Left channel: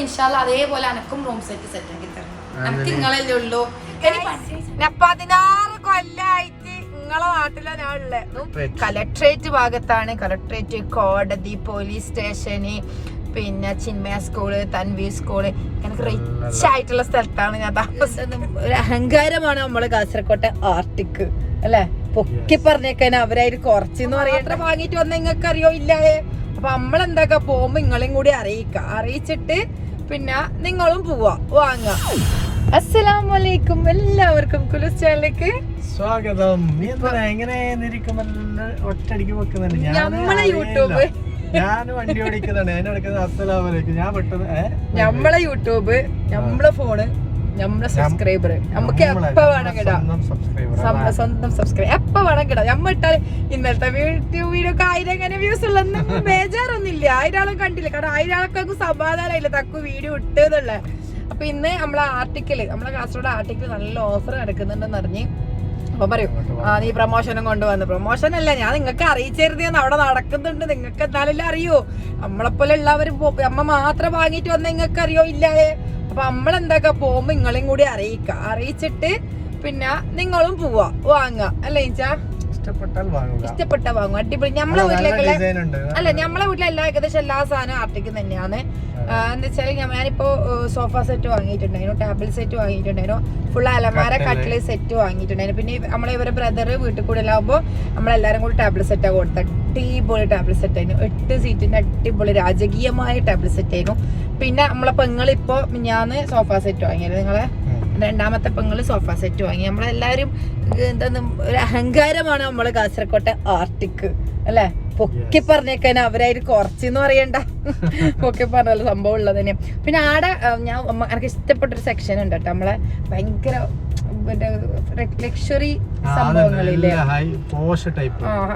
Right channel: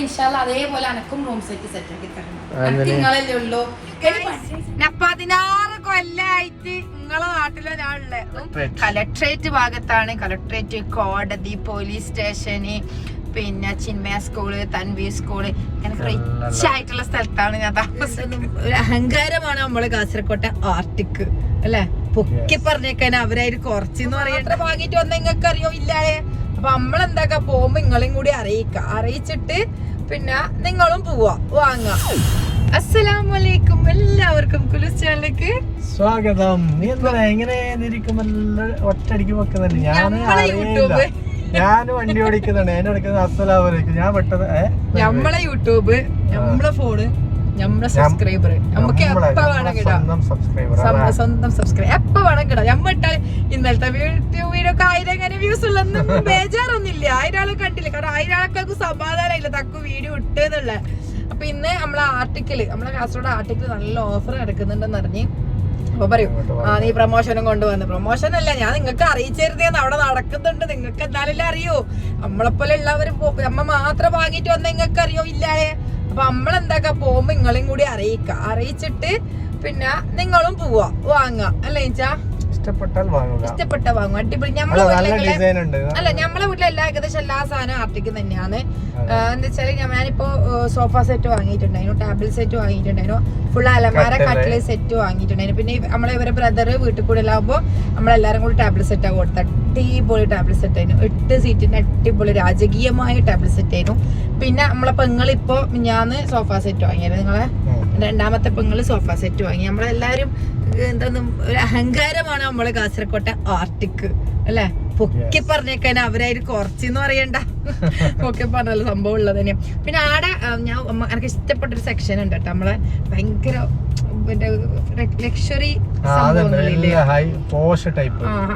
ഇൻഷാല്ല അതേപോലെ എനക്കും റൂം സെറ്റ് സെറ്റ് ആക്കി തരണം. ആ, എനിക്ക് നിങ്ങളല്ലേ ഉള്ളൂ. ഞാൻ പതിനാറ് കൊല്ലായിട്ട് നിങ്ങളെ നാട്ടിലെ ഞാൻ ഉള്ളത്. കലക്ട്രേറ്റ് ഭാഗത്താണ്. കലക്ട്രേറ്റ് കോടതി പോലീസ് സ്റ്റേഷന് പിന്നെ ചിന്മയ സ്കൂൾ തൻവി സ്കൂൾ എനിക്ക് റിച്ച് ആയിട്ടുള്ള സ്ഥലത്താണ് ഞാൻ താമസം ഒരു അഹങ്കാരമാണ് നമ്മൾ കാസർകോട്ടെ ആർട്ടിക്ക് അല്ലെ? പൊക്കി പറഞ്ഞേക്കാൻ അവരായിട്ട് കുറച്ചെന്ന് പറയാത്ര വാങ്ങിട്ട് വന്ന നിങ്ങൾക്ക് അറിയോ ഇല്ലാതെ അപ്പൊ നമ്മളെന്താക്കാ പോകുമ്പോ നിങ്ങളും കൂടി അറിയിക്ക. അറിയിച്ചിട്ട് പിന്നെ നിങ്ങളും പോവാ. വാങ്ങാ. അസ്സലാമലൈക്കും എല്ലാവർക്കും കുലുസ് ചാനലിലേക്ക് സ്വാഗതം. നീ എന്താ എങ്ങനെ ഒറ്റടിക്ക് വെക്കുന്നുണ്ട്? ഞാൻ നമ്മളെ യൂട്യൂബ്. ഞാൻ വണ്ടി ഓടിക്കുന്നുണ്ട്. എന്നെ ഓടിക്കുന്നത് അസലാമലേക്ക് ഞാൻ പെട്ടെന്ന്? നമ്മളെ യൂട്യൂബ് നമ്മളെ ഫോണ്. നമ്മളെ സബ്സ്ക്രൈബർ നമുക്ക് എപ്പ വേണം കിടാം? സ്വന്തം സബ്സ്ക്രൈബ് എപ്പ വേണം കിടാം? നമ്മ ഇട്ടാൽ ഇന്നലത്തെ വീഡിയോ ഒക്കെ ആയിരം എങ്ങനെ വ്യൂസ് ഉള്ളൊന്നും ബേജാറൊന്നുമില്ല. ആയിരം ആളെ കണ്ടില്ല? കാരണം ആയിരം ആൾക്കൊക്കെ സമാധാനമില്ല തക്കു വീഡിയോ ഇട്ടെന്നുള്ള അപ്പൊ ഇന്ന് നമ്മളെ ആർട്ടിക്കിൾ നമ്മളെ കാസർഗോഡ് ആർട്ടിക്കിൾ നല്ല ഓഫർ നടക്കുന്നുണ്ടെന്ന് അറിഞ്ഞ്. അപ്പൊ പറയും. ആ നീ പ്രൊമോഷനും കൊണ്ടുവന്നു. പ്രൊമോഷൻ അല്ല ഞാൻ നിങ്ങൾക്ക് അറിയിച്ചിരുന്നേന്ന് അവിടെ നടക്കുന്നുണ്ട്. നിങ്ങൾക്ക് എന്തായാലും അറിയോ? നമ്മളെപ്പോലെ ഉള്ളവർ അമ്മ മാത്രം വാങ്ങിട്ട് വന്ന നിങ്ങൾക്ക് അറിയോ ഇല്ലാതെ അപ്പൊ നമ്മളെന്താക്കാ? പോകുമ്പോ നിങ്ങളും കൂടി അറിയിക്ക. അറിയിച്ചിട്ട് പിന്നെ നിങ്ങളും പോവാ. വാങ്ങാ. അല്ലേ ചാ ഇഷ്ടപ്പെട്ടാൽ വാങ്ങുക. ഇഷ്ടപ്പെട്ട വാങ്ങും അടിപൊളി. നമ്മളെ വീട്ടിലേക്കുള്ള അല്ല നമ്മളെ വീട്ടിലെല്ലാം ഏകദേശം എല്ലാ സാധനവും ആർട്ടിക്കും തന്നെയാണ്. എന്താ ഞാൻ ഞാനിപ്പോ സോഫ സെറ്റ് വാങ്ങിയിട്ടുണ്ടായിരുന്നു. ടേബിൾ സെറ്റ് വാങ്ങിയിട്ടുണ്ടായിരുന്നു. ഫുൾ അലമാര കട്ടിൽ. സെറ്റ് വാങ്ങിയിട്ടുണ്ടായിരുന്നു. പിന്നെ നമ്മളെ ഇവരെ ബ്രദർ വീട്ടിൽ കൂടെ എല്ലാകുമ്പോ നമ്മളെല്ലാരും കൂടി ടേബിൾ സെറ്റാ കൊടുത്തത്. കൊടുത്ത അടിപൊളി ടേബിൾ സെറ്റ് ആയിരുന്നു. എട്ട് സീറ്റിന്റെ അടിപൊളി രാജകീയമായ ടേബിൾ സെറ്റ് ആയിരുന്നു. പിന്നെ നമ്മളെ പെങ്ങളിപ്പോ ഞാൻ സോഫ സെറ്റ് വാങ്ങിയായിരുന്നു നിങ്ങളെ? രണ്ടാമത്തെ പെങ്ങൾ സോഫ സെറ്റ് വാങ്ങി. നമ്മളെല്ലാരും എന്താ ഒരു അഹങ്കാരമാണ് നമ്മളെ കാസർകോട്ടെ ആർട്ടിക്ക് അല്ലെ? പൊക്കി പറഞ്ഞേക്കാൻ അവരായിട്ട് കുറച്ചെന്ന് പറയണ്ട. പൊക്കി പറഞ്ഞല്ലോ സംഭവം ഉള്ളത് തന്നെ പിന്നെ ആടെ ഞാൻ എനിക്ക് ഇഷ്ടപ്പെട്ട ഒരു സെക്ഷൻ ഉണ്ട് കേട്ടോ നമ്മളെ ഭയങ്കര ലക്ഷറി സംഭവങ്ങളില്ലേ?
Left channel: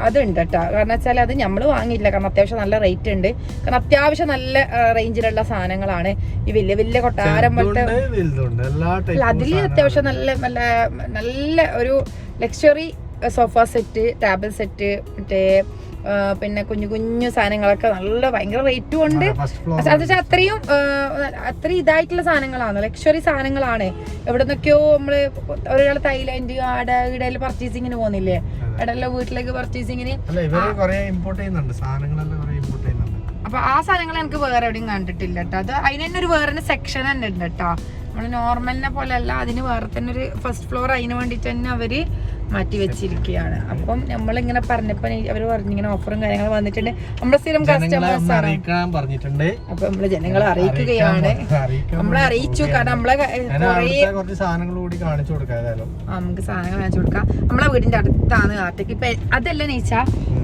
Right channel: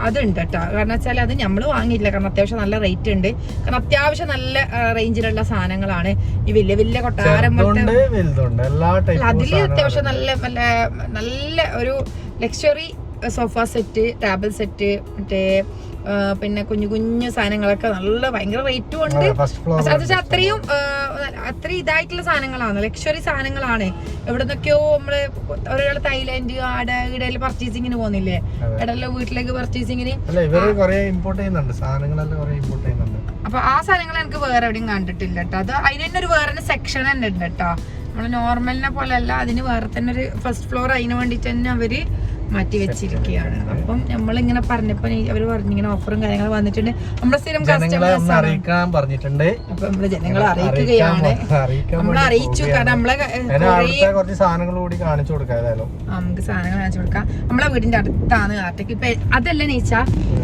അതുണ്ട് കേട്ടോ കാരണം വെച്ചാൽ അത് നമ്മൾ വാങ്ങിയില്ല കാരണം അത്യാവശ്യം നല്ല റേറ്റ് ഉണ്ട്. കാരണം അത്യാവശ്യം നല്ല റേഞ്ചിലുള്ള സാധനങ്ങളാണ്. ഈ വലിയ വലിയ കൊട്ടാരം പോലത്തെ ടൈപ്പ് അത്യാവശ്യം നല്ല നല്ല നല്ല ഒരു luxury sofa set table set മറ്റേ പിന്നെ കുഞ്ഞു കുഞ്ഞു സാധനങ്ങളൊക്കെ നല്ല ഭയങ്കര റേറ്റും ഉണ്ട്. അത് വെച്ചാൽ അത്രയും അത്രയും ഇതായിട്ടുള്ള സാധനങ്ങളാണ്. ലക്ഷറി സാധനങ്ങളാണ്. എവിടെ നിന്നൊക്കെയോ നമ്മൾ ഒരാൾ തൈലൻഡ് ആടെ ഇടയിൽ പർച്ചേസിങ്ങിന് പോകുന്നില്ലേ? ഇടയിലെ വീട്ടിലേക്ക് പർച്ചേസിങ്ങിന് അല്ല ഇവർ കൊറേ ഇമ്പോർട്ട് ചെയ്യുന്നുണ്ട്. സാധനങ്ങളെല്ലാം കൊറേ ഇമ്പോർട്ട് ചെയ്യുന്നുണ്ട്. അപ്പൊ ആ സാധനങ്ങൾ എനിക്ക് വേറെ എവിടെയും കണ്ടിട്ടില്ല കേട്ടോ അത് അതിന് തന്നെ ഒരു വേറെ സെക്ഷൻ തന്നെ ഉണ്ട് കേട്ടോ നമ്മൾ നോർമലിനെ പോലെ അല്ല അതിന് വേറെ തന്നെ ഒരു ഫസ്റ്റ് ഫ്ലോർ അതിന് വേണ്ടിട്ട് തന്നെ അവർ മാറ്റി വെച്ചിരിക്കുകയാണ്. അപ്പം നമ്മളിങ്ങനെ പറഞ്ഞപ്പോ അവർ അവർ പറഞ്ഞിങ്ങനെ ഓഫറും കാര്യങ്ങളും വന്നിട്ടുണ്ട്. നമ്മുടെ സ്ഥിരം കസ്റ്റമേഴ്സ് അറിയിക്കാൻ പറഞ്ഞിട്ടുണ്ട്. അപ്പൊ നമ്മൾ ജനങ്ങളെ അറിയിക്കുകയാണ്. നമ്മളെ നമ്മൾ അറിയിച്ചു. കാരണം നമ്മളെ ഞാൻ കുറച്ച് സാധനങ്ങൾ കൂടി കാണിച്ചു നമുക്ക് സാധനങ്ങൾ കാണിച്ചു കൊടുക്കാം. നമ്മളെ വീടിന്റെ അടുത്താണ് ആർട്ടേക്ക് ഇപ്പൊ അതല്ല നീച്ച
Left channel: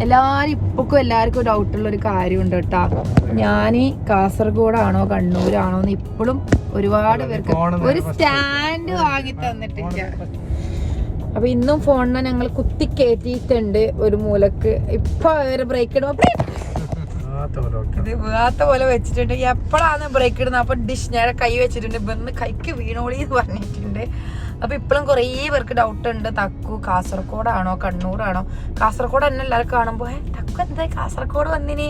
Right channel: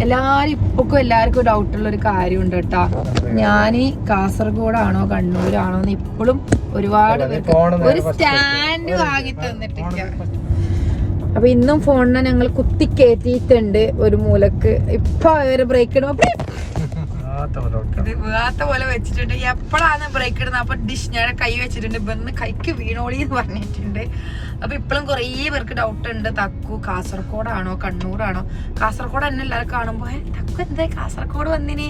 എല്ലാരും ഇപ്പൊക്കും എല്ലാവർക്കും ഡൗട്ട് ഉള്ള ഒരു കാര്യമുണ്ട് കേട്ടാ. ഞാൻ കാസർഗോഡാണോ കണ്ണൂരാണോ എന്ന് ഇപ്പോഴും ഒരുപാട് പേർക്ക് ഒരു സ്റ്റാൻഡ് വാങ്ങി തന്നിട്ടില്ല. അപ്പൊ ഇന്നും ഫോണിനെ ഞങ്ങൾ കുത്തി കയറ്റിയിട്ടുണ്ട് ഒരു മൂലക്ക്. ഇപ്പൊ ഒരു ബ്രേക്ക് ഇടും. ആ, തവണ വെക്കാം. വീഴാത്ത പോലെ വെച്ചിട്ടുണ്ട്. എപ്പോഴാണ് ബ്രേക്ക് ഇടുന്നത് അപ്പൊ ഡിഷ് ഞാൻ കൈ വെച്ചിട്ടുണ്ട്. ഇവന്ന് കൈക്ക് വീണോളി എന്ന് പറഞ്ഞിട്ടുണ്ട്. അപ്പൊ ഇപ്പോഴും കുറേ പേർക്ക് ഡൗട്ട് ഉണ്ട്. തക്കു കാസർഗോഡാണോ? കണ്ണൂരാണോ? കാസർഗോഡ് തന്നെ എല്ലാവരും കാണുമ്പോ ഏ തക്കു എന്താ? കാസർഗോഡ് വന്നിനി?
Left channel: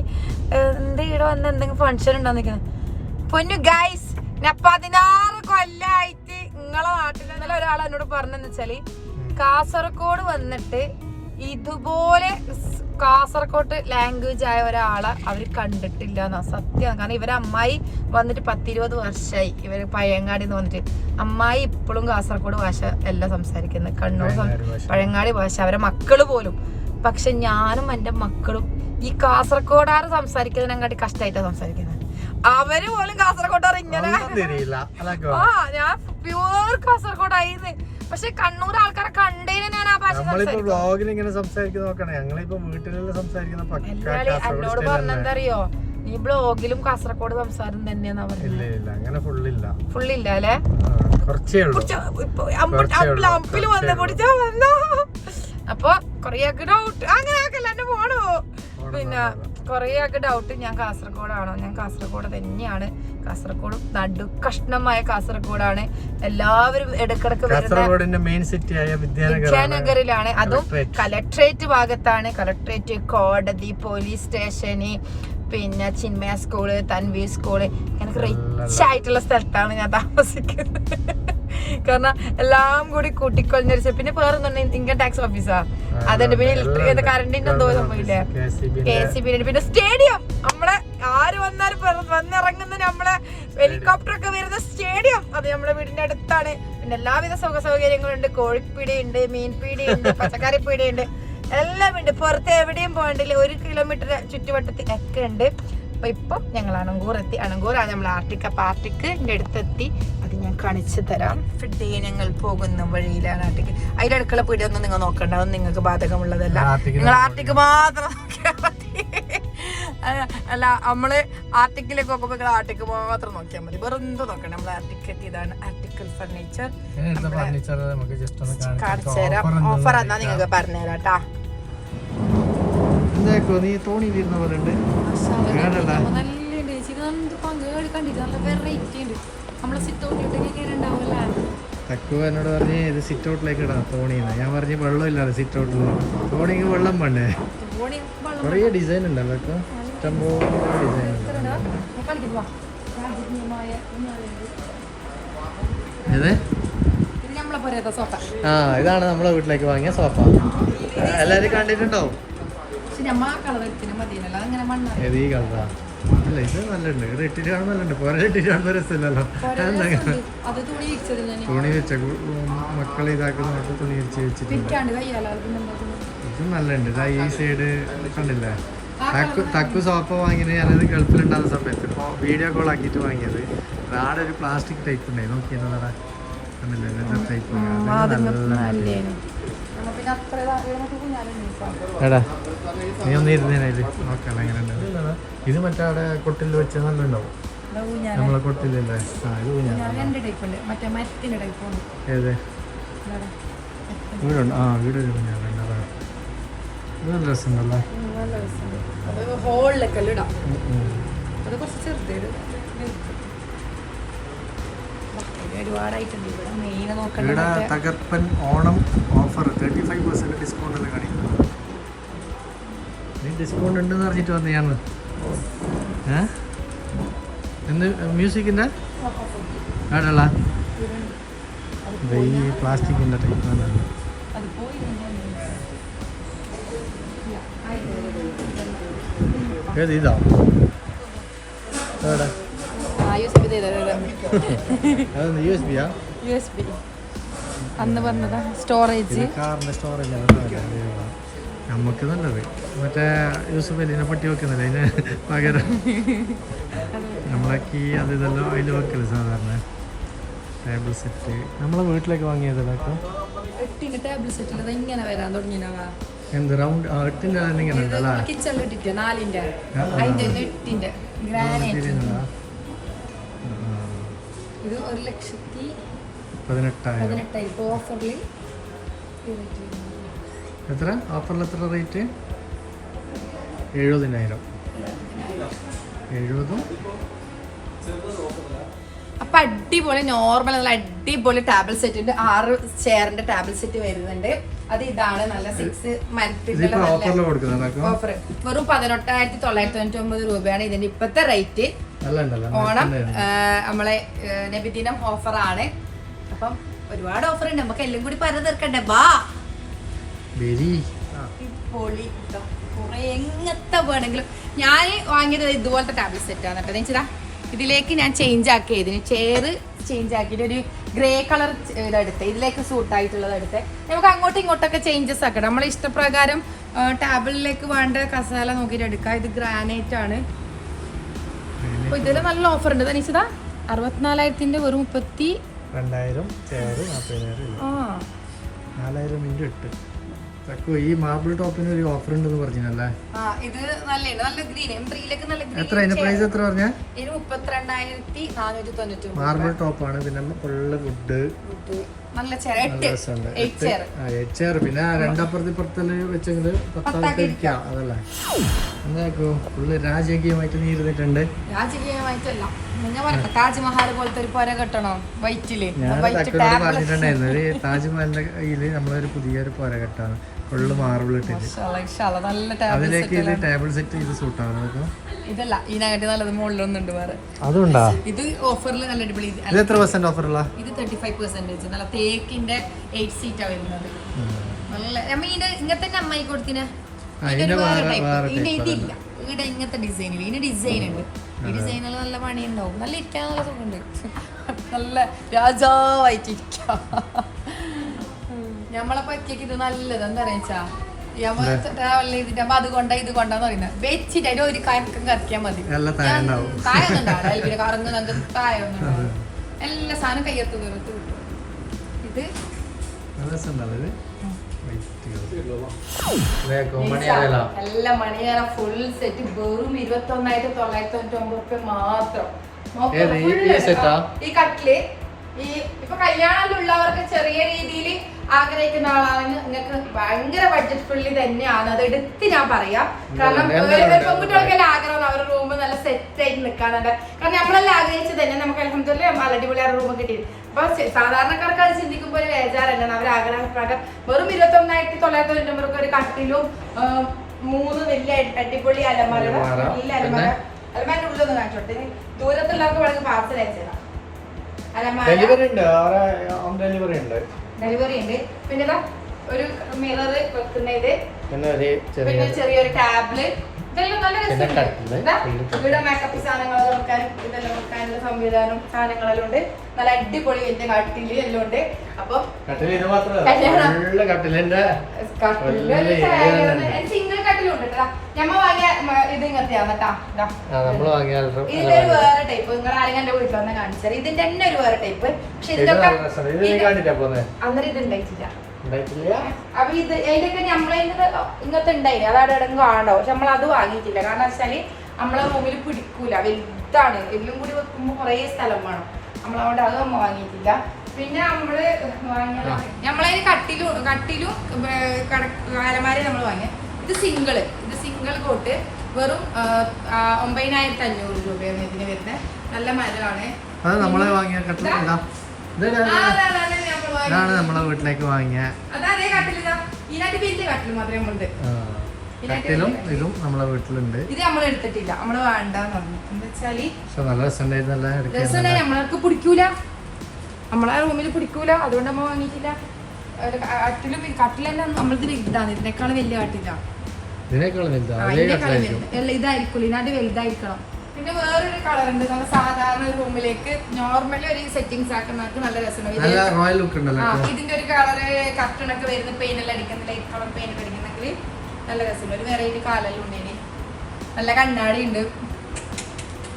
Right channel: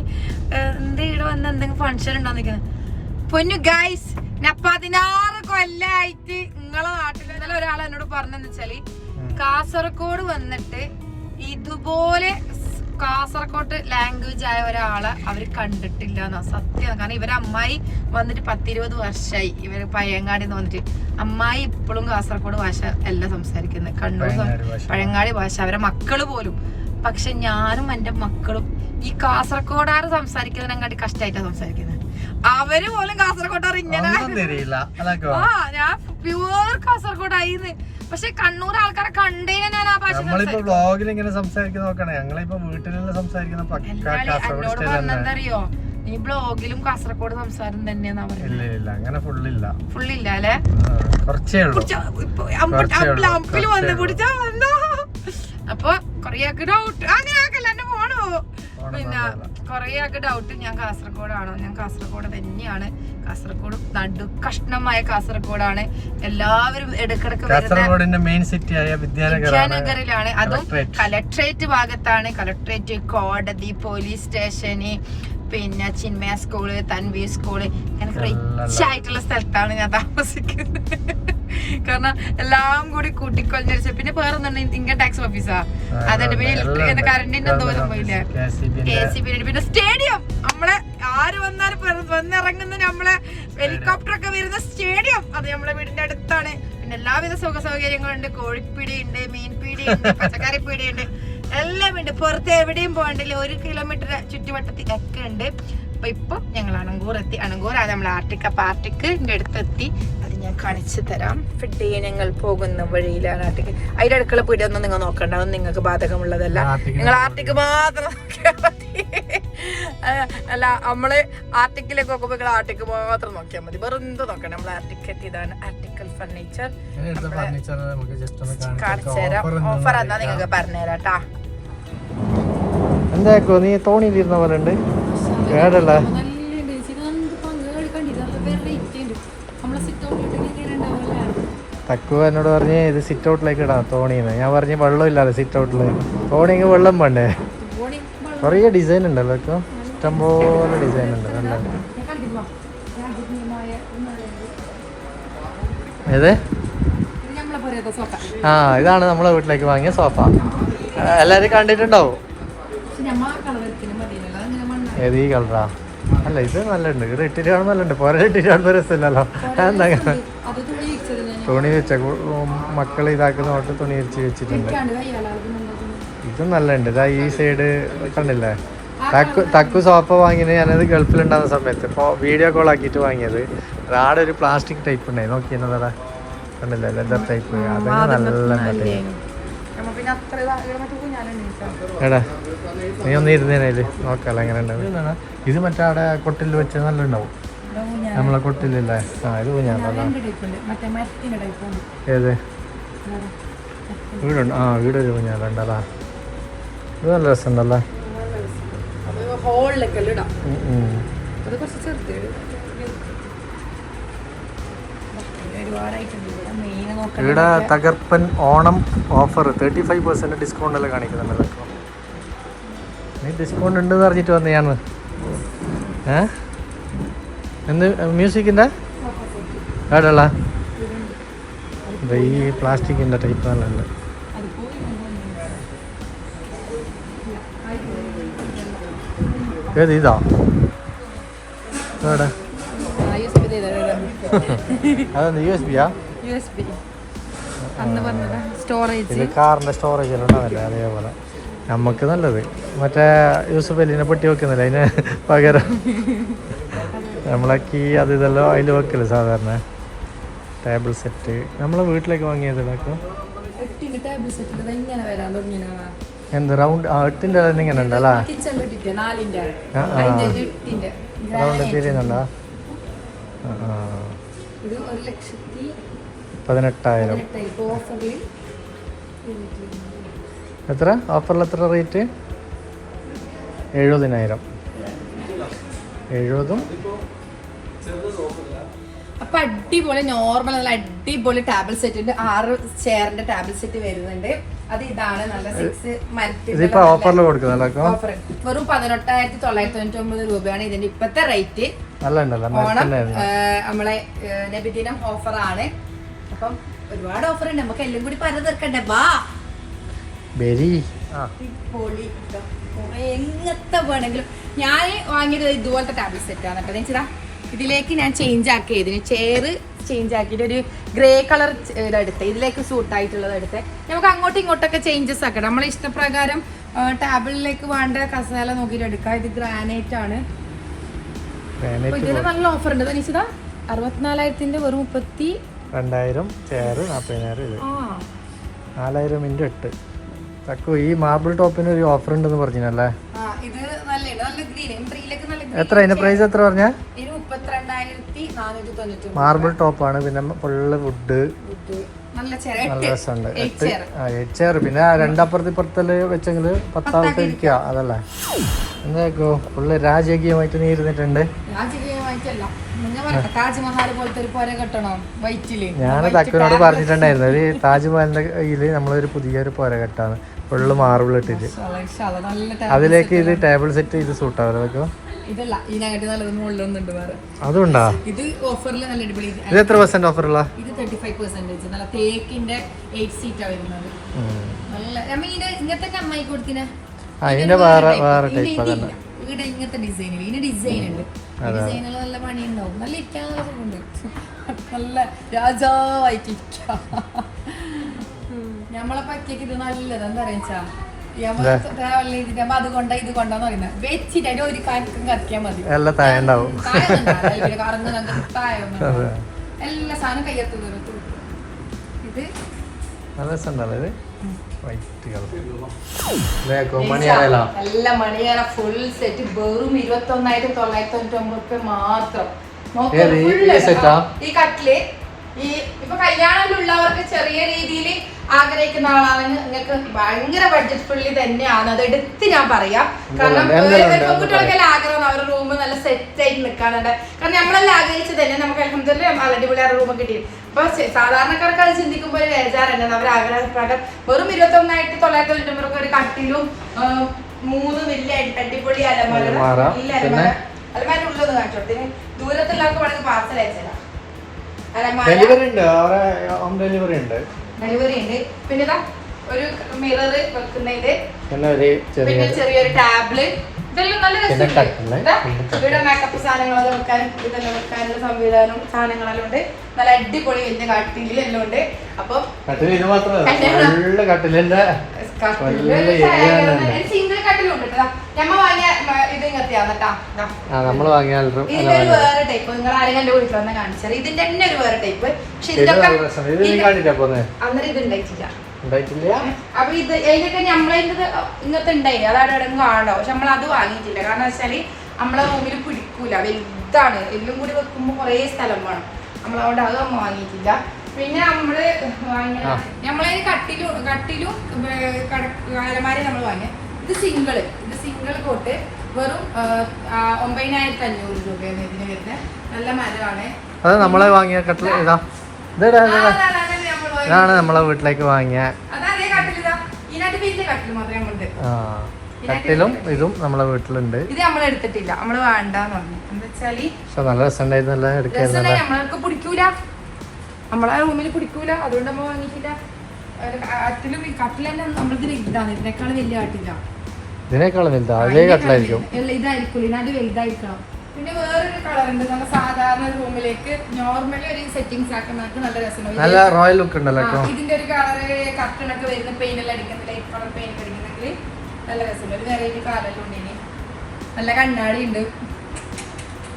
എന്താ ഇവിടെ വന്ന് എന്തെങ്കിലും ഫങ്ഷൻ ഉണ്ടോ? നിൽക്കുന്നത് പൊന്നു ഗൈസ് ഞാൻ പതിനാറ് കൊല്ലായിട്ട് നിങ്ങളെ നാട്ടിൽ ഇന്നലെ ഒരാൾ എന്നോട് പറഞ്ഞെന്ന് വെച്ചാൽ കാസർഗോഡ് വന്നിട്ട് ഇതുപോലെ കാസർഗോട്ട് കാസർഗോഡ് ലാംഗ്വേജ് ആയ ഒരാളെ അവർ കണ്ടിട്ടില്ല എന്നാ സത്യം. കാരണം ഇവരെ അമ്മായി വന്നിട്ട് പത്തിരുപത് വർഷമായി ഇവർ പഴയങ്ങാടി എന്ന് വന്നിട്ട് അമ്മായി ഇപ്പോഴും കാസർഗോഡ് ഭാഷ അല്ല സംസാരിക്കുന്നത്. കണ്ണൂർ പഴയങ്ങാടി ഭാഷ. അവരെ മക്കൾ പോലും. പക്ഷെ ഞാനും എന്റെ മക്കളും ഈ കാസർഗോഡാറ് സംസാരിക്കുന്നതിനെക്കാട്ടി കഷ്ടമായിട്ടാണ് സംസാരിക്കുന്നത്. അവർ പോലും കാസർഗോഡാറ് ഇങ്ങനെ ആ ഞാൻ പ്യുവർ കാസർഗോഡായിന്ന്. പക്ഷെ കണ്ണൂർ ആൾക്കാരെ കണ്ടേ ഞാൻ ആ ഭാഷ സംസാരിക്കും ഇങ്ങനെ സംസാരിക്കുന്ന നോക്കണേ. ഞങ്ങളിപ്പോ വീട്ടിലെല്ലാം സംസാരിക്കുന്ന പറഞ്ഞെന്തറിയോ ഈ ബ്ലോഗിലും കാസർഗോഡ് സംസാരം ഇല്ല അങ്ങനെ ഫുള്ളില്ല. ഫുള്ളില്ല അല്ലേ? കുറച്ചേ വന്ന് പിടിച്ച വന്നോ. അപ്പൊ കൊറേ ഡൗട്ട് അങ്ങനെ ആക്കല്ല? എന്നെ പോണോ പിന്നെ. കുറേ ആൾക്ക് ഡൗട്ട് ഞാൻ കാസർഗോഡാണോ. ഞാൻ കാസർഗോഡ് തന്നെയാണ്. കാസർഗോഡ് നടു കഷ്ണമായ കാസർഗോഡാണ്. എല്ലാവരും ഇടക്കിടക്ക് കാസർഗോഡിന്റെ മെയിൻ സിറ്റി ആയ വിദ്യാനഗറിലാണ്. അതും. കലക്ട്രേറ്റ്. ഭാഗത്താണ്. കലക്ട്രേറ്റ് കോടതി പോലീസ് സ്റ്റേഷന് പിന്നെ ചിന്മയ സ്കൂൾ തൻവി സ്കൂൾ എനിക്ക് റിച്ച് ആയിട്ടുള്ള സ്ഥലത്താണ് ഞാൻ താമസിക്കുന്നത്. കാരണം എല്ലാം കൂടി കൂട്ടിക്കൊള്ളിച്ച പിന്നെ വേറൊന്നും ഇൻകം ടാക്സ് ഓഫീസാ അതുണ്ട് പിന്നെ ഇലക്ട്രിക് കറണ്ടിന്റെ എന്തോ സംഭവില്ലേ കെ സി ബി പിന്നെ സ്റ്റേഡിയം നമ്മളെ ആര് വന്നാലും വന്നിറങ്ങുന്ന നമ്മളെ ഹെലികോപ്റ്റർ ഒക്കെ വരുന്ന സ്റ്റേഡിയം അത് നമ്മളെ വീടിന്റെ അടുത്താണ്. പിന്നെ എല്ലാവിധ സുഖ സൗകര്യങ്ങളും ഉണ്ട് കോഴിപ്പീടി ഉണ്ട് മീൻപീടി ഉണ്ട് പച്ചക്കറി പീടി ഉണ്ട് എല്ലാം ഉണ്ട് പുറത്ത് എവിടെയും പോകണ്ടില്ല ഒരു കിലോമീറ്റർ ചുറ്റുവട്ടത്തിലൊക്കെ ഉണ്ട്. അപ്പൊ ഇപ്പൊ ഞങ്ങൾ അണങ്കൂർ എത്തി. അണങ്കൂറാണ് നമ്മൾ ആർട്ടിക്ക അപ്പൊ ആർട്ടിക്ക് ഇന്റെ അടുത്തെത്തി. അത് ഞാൻ കാണിച്ചു തരാം. ഫിഡ് ഞങ്ങൾ പോകുന്ന വഴിയിലാണ് ആർട്ടിക്ക്. അതിന്റെ അടുക്കള പീടിയൊന്നും നിങ്ങൾ നോക്കണ്ട. അതൊന്നും നിങ്ങൾക്ക് ബാധകമുള്ളതല്ല. നിങ്ങൾ ആർട്ടിക്ക് മാത്രം നോക്കിയാൽ മതി. അല്ല നമ്മൾ ആർട്ടിക്കിലേക്ക് നോക്കുമ്പോ നിങ്ങൾ ആർട്ടിക്ക് മാത്രം നോക്കിയാൽ മതി. വേറെ എന്ത് നോക്കണം നമ്മൾ ആർട്ടിക്ക് എത്തിയതാണ് ആർട്ടിക്കൽ ഫർണിച്ചർ. കാണിച്ചു തരാം. ഓഫർ എന്നാ നിങ്ങൾക്ക് പറഞ്ഞുതരാം കേട്ടാ നീ തോണിയിലിരുന്ന പോലെ ഉണ്ട്? കേടല്ല തക്കു എന്നോട് പറഞ്ഞ് ഇത് സിറ്റ് ഔട്ടിലേക്ക് ഇടാം തോണിന്ന്. ഞാൻ പറഞ്ഞ് വെള്ളം ഇല്ലാതെ സിറ്റ് ഔട്ടിൽ തോണിക്ക് വെള്ളം വേണ്ടേ? കുറേ ഡിസൈൻ ഉണ്ടല്ലോ ഇപ്പൊ. ഇഷ്ടംപോലെ ഡിസൈൻ ഉണ്ട്. ഏത്? ആ ഇതാണ് നമ്മളെ വീട്ടിലേക്ക് വാങ്ങിയ സോഫ എല്ലാവരും കണ്ടിട്ടുണ്ടാവും. ഏത് ഈ കളറാ അല്ല ഇത് നല്ലുണ്ട്. ഇത് ഇട്ടിട്ട് കാണുമ്പോൾ നല്ലുണ്ട്. പുറം ഇട്ടിട്ട് കാണുമ്പോൾ രസമില്ലല്ലോ. എന്താ തുണി വെച്ച മക്കൾ ഇതാക്കുന്ന തൊട്ട് തുണി വെച്ച് വെച്ചിട്ടുണ്ട്. ഇതും നല്ലുണ്ട്. ഇതാ ഈ സൈഡ് കണ്ടില്ലേ? തക്കു തക്കു സോപ്പ് വാങ്ങിയത് ഞാനത് ഗൾഫിലുണ്ടാകുന്ന സമയത്ത്. ഇപ്പോൾ വീഡിയോ കോൾ ആക്കിയിട്ട് വാങ്ങിയത്. ആടെ ഒരു പ്ലാസ്റ്റിക് ടൈപ്പ് ഉണ്ടായി. നോക്കിയിരുന്നതാ കണ്ടില്ലേ? ലെതർ ടൈപ്പ് അതൊക്കെ നല്ല എടാ നീ ഒന്ന് ഇരുന്നേനേൽ നോക്കാലോ എങ്ങനെ ഉണ്ടാവും. ഇത് മറ്റേ അവിടെ കൊട്ടിൽ വെച്ച് നല്ല ഉണ്ടാവും നമ്മളെ കൊട്ടിലല്ലേ? ആ ഇത് ഞാൻ രണ്ട് മറ്റേ മരത്തിന്റെ ടൈപ്പ് ഉണ്ട്. ഏത്. വീടുണ്ട്. ആ വീടൊരു കുഞ്ഞാലുണ്ടല്ലോ ഇത്. നല്ല രസമുണ്ടല്ലേ. ഹോളിലൊക്കെ ഇടാം. ഉം. അത് കുറച്ച് ചെറുത് ഇവിടെ തകർപ്പൻ Onam offer thirty five percent discount എല്ലാം കാണിക്കുന്നുണ്ട് നീ ഡിസ്കൗണ്ട് ഉണ്ടെന്ന് പറഞ്ഞിട്ട് വന്നു ഞാൻ ഏ? എന്ത് മ്യൂസിക്കിന്റെ കേട്ടല്ല ഈ പ്ലാസ്റ്റിക്കിന്റെ ടൈപ്പ് നല്ല ഉണ്ട് അത് പോയി ഏത് ഇതാ? അതെന്ത് U S ബിയാ U S B അന്ന് പറഞ്ഞത് സ്റ്റോറേജ് കാറിന്റെ സ്റ്റോറേജ് ഉണ്ടാവില്ലേ? അതേപോലെ. നമുക്ക് നല്ലത്. മറ്റേ യൂസഫ് അലിനെ പെട്ടി വെക്കുന്നില്ല അതിന് പകരം? നമ്മളെ കീ അത് ഇതെല്ലാം അതിൽ വെക്കൽ സാധാരണ. ടേബിൾ സെറ്റ് നമ്മളെ വീട്ടിലേക്ക് വാങ്ങിയത് ഇതാക്കും ടേബിൾ സെറ്റിൽ അത് ഇങ്ങനെ വരാൻ തുടങ്ങിയവാ എന്ത് റൗണ്ട് ആ എട്ടിന്റെ തന്നെ ഇങ്ങനെ ഉണ്ടല്ലേ. അതിന്റെ എട്ടിന്റെ. റൗണ്ട് ഗ്രാനൈറ്റ് തിരിയുന്നുണ്ടോ ആ. ഇത് ഒരു ലക്ഷത്തി പതിനെട്ടായിരം. ഓഫറിൽ എത്ര? ഓഫറിൽ എത്ര റേറ്റ്? എഴുപതിനായിരം. എഴുപതും? അപ്പൊ അടിപൊളി നോർമൽ നല്ല അടിപൊളി ടാബിൾ സെറ്റ് ഉണ്ട്. ആറ് ചെയറിന്റെ ടാബിൾ സെറ്റ് വരുന്നുണ്ട്. അത് ഇതാണ് നല്ല സിക്സ് മരത്തിൽ ഓഫർ വെറും പതിനെട്ടായിരത്തി തൊള്ളായിരത്തി തൊണ്ണൂറ്റി ഒമ്പത് രൂപയാണ് ഇതിന്റെ ഇപ്പത്തെ റേറ്റ് ഓണം നമ്മളെ നബിദിനം ഓഫറാണ്. അപ്പം ഒരുപാട് ഓഫർ ഉണ്ട് നമുക്ക് എല്ലാം കൂടി പറഞ്ഞു തീർക്കണ്ടേ? ബാ. പൊളി എങ്ങനത്തെ വേണമെങ്കിലും. ഞാൻ വാങ്ങിയത് ഇതുപോലത്തെ ടാബ്ലറ്റ് സെറ്റ് ആണ് കേട്ടോ. ചേച്ചാ ഇതിലേക്ക് ഞാൻ ചേഞ്ച് ആക്കി ഇതിന് ചെയറ് ചേഞ്ച് ആക്കിയിട്ട് ഒരു ഗ്രേ കളർ ഇതെടുത്ത് ഇതിലേക്ക് സൂട്ട് ആയിട്ടുള്ളത് എടുത്ത്. നമുക്ക് അങ്ങോട്ടും ഇങ്ങോട്ടൊക്കെ ചേഞ്ചസ് ആക്കണം. നമ്മളെ ഇഷ്ടപ്രകാരം ടാബിളിലേക്ക് വേണ്ട കസാല നോക്കിയിട്ട് എടുക്കാം. ഇത് ഗ്രാനൈറ്റ് ആണ്. ഇതിന് നല്ല ഓഫർ ഉണ്ട് തനിച്ചതാ അറുപത്തിനാലായിരത്തിന്റെ വെറും മുപ്പത്തി രണ്ടായിരം ചെയറ് നാൽപ്പതിനായിരം നാലായിരം ഇന്റു എട്ട്. തക്കു ഈ മാർബിൾ ടോപ്പിന് ഒരു ഓഫർ ഉണ്ടെന്ന് പറഞ്ഞല്ലേ എത്ര? അതിന്റെ പ്രൈസ് എത്ര പറഞ്ഞ? മാർബിൾ ടോപ്പാണ്. പിന്നെ ഫുള്ള് വുഡ്. ചെയർ പിന്നെ രണ്ടപ്പുറത്തിപ്പുറത്തല്ലേ രണ്ടപ്പുറത്ത് ഇപ്പുറത്തൽ വെച്ചെങ്കിൽ പത്താമത്തെ ഇരിക്കുക അതല്ലേ? എന്താക്കോ ഫുള്ള് രാജകീയമായിട്ട് നീ ഇരുന്നിട്ടുണ്ട്. കെട്ടണം? വൈറ്റിൽ. ഞാൻ തക്കനോട് പറഞ്ഞിട്ടുണ്ടായിരുന്നു. ഒരു താജ്മഹലിന്റെ കയ്യിൽ നമ്മളൊരു പുതിയൊരു പോര കെട്ടാണ് ഫുള്ള് മാർബിൾ ഇട്ടിട്ട്. അതിലേക്ക് ഇത് ടേബിൾ സെറ്റ് ഇത് സൂട്ട് വെക്കോ ഇതല്ല ഇതിനകത്ത് നല്ലത് മുകളിലൊന്നുണ്ട് വേറെ. അതുണ്ടാ ഇത് ഓഫറിൽ നല്ല അടിപൊളി ഇത് എത്ര പെർസെന്റ് ഓഫറുള്ള ഇത് തേർട്ടി ഫൈവ് പെർസെന്റേജ് നല്ല തേക്കിന്റെ എയ്റ്റ് സീറ്റാ വരുന്നത്. നല്ല നമ്മ ഇതിന്റെ ഇങ്ങനത്തെ തന്നെ അമ്മായി കൊടുത്തിന? ആ ഇതിന്റെ വേറെ വേറെ ഇതിന്റെ ടൈപ്പ് ഇതില്ല ഇവിടെ ഇങ്ങനത്തെ ഡിസൈനിൽ ഇതിന് ഡിസൈൻ ഉണ്ട്. ഡിസൈനിൽ നല്ല പണിയുണ്ടാവും. നല്ല ഇരിക്കാൻ നല്ല സുഖമുണ്ട്. നല്ല രാജാവായിട്ടിരിക്കാം നമ്മളെ പറ്റിയൊക്കെ ഇത് നല്ലത്. എന്താ പറയാ ട്രാവൽ ചെയ്തിട്ട് അത് കൊണ്ട ഇത് കൊണ്ടാന്ന് പറയുന്നത്. വെച്ചിട്ട് അതിന്റെ ഒരു കറക്കിയാൽ മതി. എല്ലാം താഴെ ഉണ്ടാവും കറങ്ങുന്നുണ്ട് തായൊന്നും എല്ലാ സാധനം കയ്യെത്തു ഇത് നല്ല ഇത്. മണിയറ ഫുൾ സെറ്റ് വെറും ഇരുപത്തി ഒന്നായിരത്തി തൊള്ളായിരത്തി തൊണ്ണൂറ്റി റുപ്യ മാത്രം. നോക്ക് ഏത് ഈ- ഈ സെറ്റാ? ഈ കട്ടിൽ ഈ ഇപ്പൊ കല്യാണത്തിലുള്ളവർക്ക് ചെറിയ രീതിയിൽ ആഗ്രഹിക്കുന്ന ആളാണെങ്കിൽ നിങ്ങൾക്ക് ഭയങ്കര ബഡ്ജറ്റ് ഫ്രണ്ട്ലി തന്നെയാണ്. അത് എടുത്ത് ഞാൻ പറയാം. കാരണം പെൺകുട്ടികൾക്കെല്ലാം ആഗ്രഹം അവരുടെ റൂം നല്ല സെറ്റ് ആയിട്ട് നിൽക്കാനുണ്ട്. കാരണം നമ്മളെല്ലാം ആഗ്രഹിച്ചത് തന്നെ നമുക്ക് അലഹമ്മദില്ല അടിപൊളിയായ റൂം കിട്ടി അപ്പൊ സാധാരണക്കാർക്ക് അത് ചിന്തിക്കുമ്പോൾ ഒരു വേജാറല്ല അവർ ആഗ്രഹപ്രകാരം വെറും ഇരുപത്തി ഒന്നായിരത്തി തൊള്ളായിരത്തി തൊണ്ണൂറ്റി ഒരു കട്ടിലും മൂന്ന് വലിയ അടിപൊളി അലമാര വലിയ അലമാര. അലമാര ഉള്ളത് കാണിച്ചോട്ടെ ദൂരത്തുള്ളവർക്ക് വളരെ പാർസൽ അയച്ചതാ അലമാര. ഡെലിവറി ഉണ്ട്. ഡെലിവറി ഉണ്ട്. ഡെലിവറി ഉണ്ട്. പിന്നെ ഇതാ ഒരു മിറർ വെക്കുന്ന ഇത്. പിന്നെ ചെറിയൊരു ടാബ്ല് ഇതെല്ലാം നല്ല രസമുണ്ട്. ഇവിടെ മേക്കപ്പ് സാധനങ്ങളെല്ലാം വെക്കാനും ഇതെല്ലാം വെക്കാനുള്ള സംവിധാനം സാധനങ്ങളെല്ലാം ഉണ്ട്. നല്ല അടിപൊളി വലിയ കട്ടിൽ എല്ലാം ഉണ്ട്. അപ്പം വേറെ ടൈപ്പ് നിങ്ങൾ ആരെങ്കിലും എന്റെ വീട്ടിൽ വന്നാൽ കാണിച്ചാൽ ഇതിന്റെ തന്നെ ഒരു വേറെ ടൈപ്പ് പക്ഷെ ഇതൊക്കെ അന്നേരം ഇത് ഉണ്ടായിട്ടില്ല. അപ്പൊ ഇത് ഇതിലൊക്കെ നമ്മളതിന്റെ ഇങ്ങനത്തെ ഉണ്ടായി അത് അവിടെ കാണോ പക്ഷെ നമ്മൾ അത് വാങ്ങിയിട്ടില്ല. കാരണം വെച്ചാൽ നമ്മളെ റൂമിൽ പിടിക്കൂല. വലുതാണ്. എല്ലാം കൂടി വെക്കുമ്പോ കുറേ സ്ഥലം വേണം. നമ്മളതുകൊണ്ട് അതൊന്നും വാങ്ങിയിട്ടില്ല. പിന്നെ നമ്മൾ. നമ്മളതിന് കട്ടിലും കട്ടിലും അലമാരി നമ്മൾ വാങ്ങിയ. ഇത് സിംഗിൾ. ഇത് സിംഗിൾ കോട്ട്. വെറും ഒമ്പതിനായിരത്തി അഞ്ഞൂറ് രൂപയാണ് ഇതിന് വരുന്നത് നല്ല മരമാണ്. അത് നമ്മളെ വാങ്ങിയ കട്ടിൽ ഇതാ. നമ്മൾ. ഇതാണ് നമ്മളെ വീട്ടിലേക്ക് വാങ്ങിയ. കട്ടിലും ഇതും. നമ്മളെ വീട്ടിലുണ്ട്. ഇത് നമ്മൾ എടുത്തിട്ടില്ല. നമ്മൾ വേണ്ടെന്ന് പറഞ്ഞു. എന്താ വെച്ചാൽ പക്ഷെ നല്ല രസമുണ്ടായിരുന്നു രസം എടുക്കായിരുന്നല്ലേ നമ്മൾക്ക് പിടിക്കൂല. നമ്മളെ റൂമിൽ പിടിക്കൂല. അതുകൊണ്ട് നമ്മൾ വാങ്ങിയിട്ടില്ല. കട്ടിലും ഇതാണ് ഇതിനേക്കാളും വലിയ കട്ടില്ല ഇതിനേക്കാളും വലുതാ? അതേ കട്ടിലായിരിക്കും. ഇതായിരിക്കും. ഇതിനായിട്ട് വലുതായിരിക്കണം. പിന്നെ വേറൊരു കളർ ഉണ്ട്. നല്ല സാധാരണ റൂമിലേക്ക് നോർമലി ഒരു സെറ്റിംഗ്സ് ആക്കുന്നവർക്ക് നല്ല രസമുണ്ട്. നല്ല റോയൽ ലുക്ക് ഉണ്ടല്ലോ. ഇതിന്റെ ഒരു കളർ കർട്ടൺ ഒക്കെ വരുന്ന പെയിൻ എല്ലാം അടിക്കുന്ന ലൈറ്റ് കളർ പെയിൻ അടിക്കുന്നെങ്കിൽ നല്ല രസമുണ്ട്. ഒരു വെറൈറ്റി കാലെല്ലാം ഉണ്ട് ഇനി നല്ല കണ്ണാടി ഉണ്ട് ഇതാ, ഇതിന് മാച്ച് ചെയ്ത സാധനം കൂടി ഉണ്ട്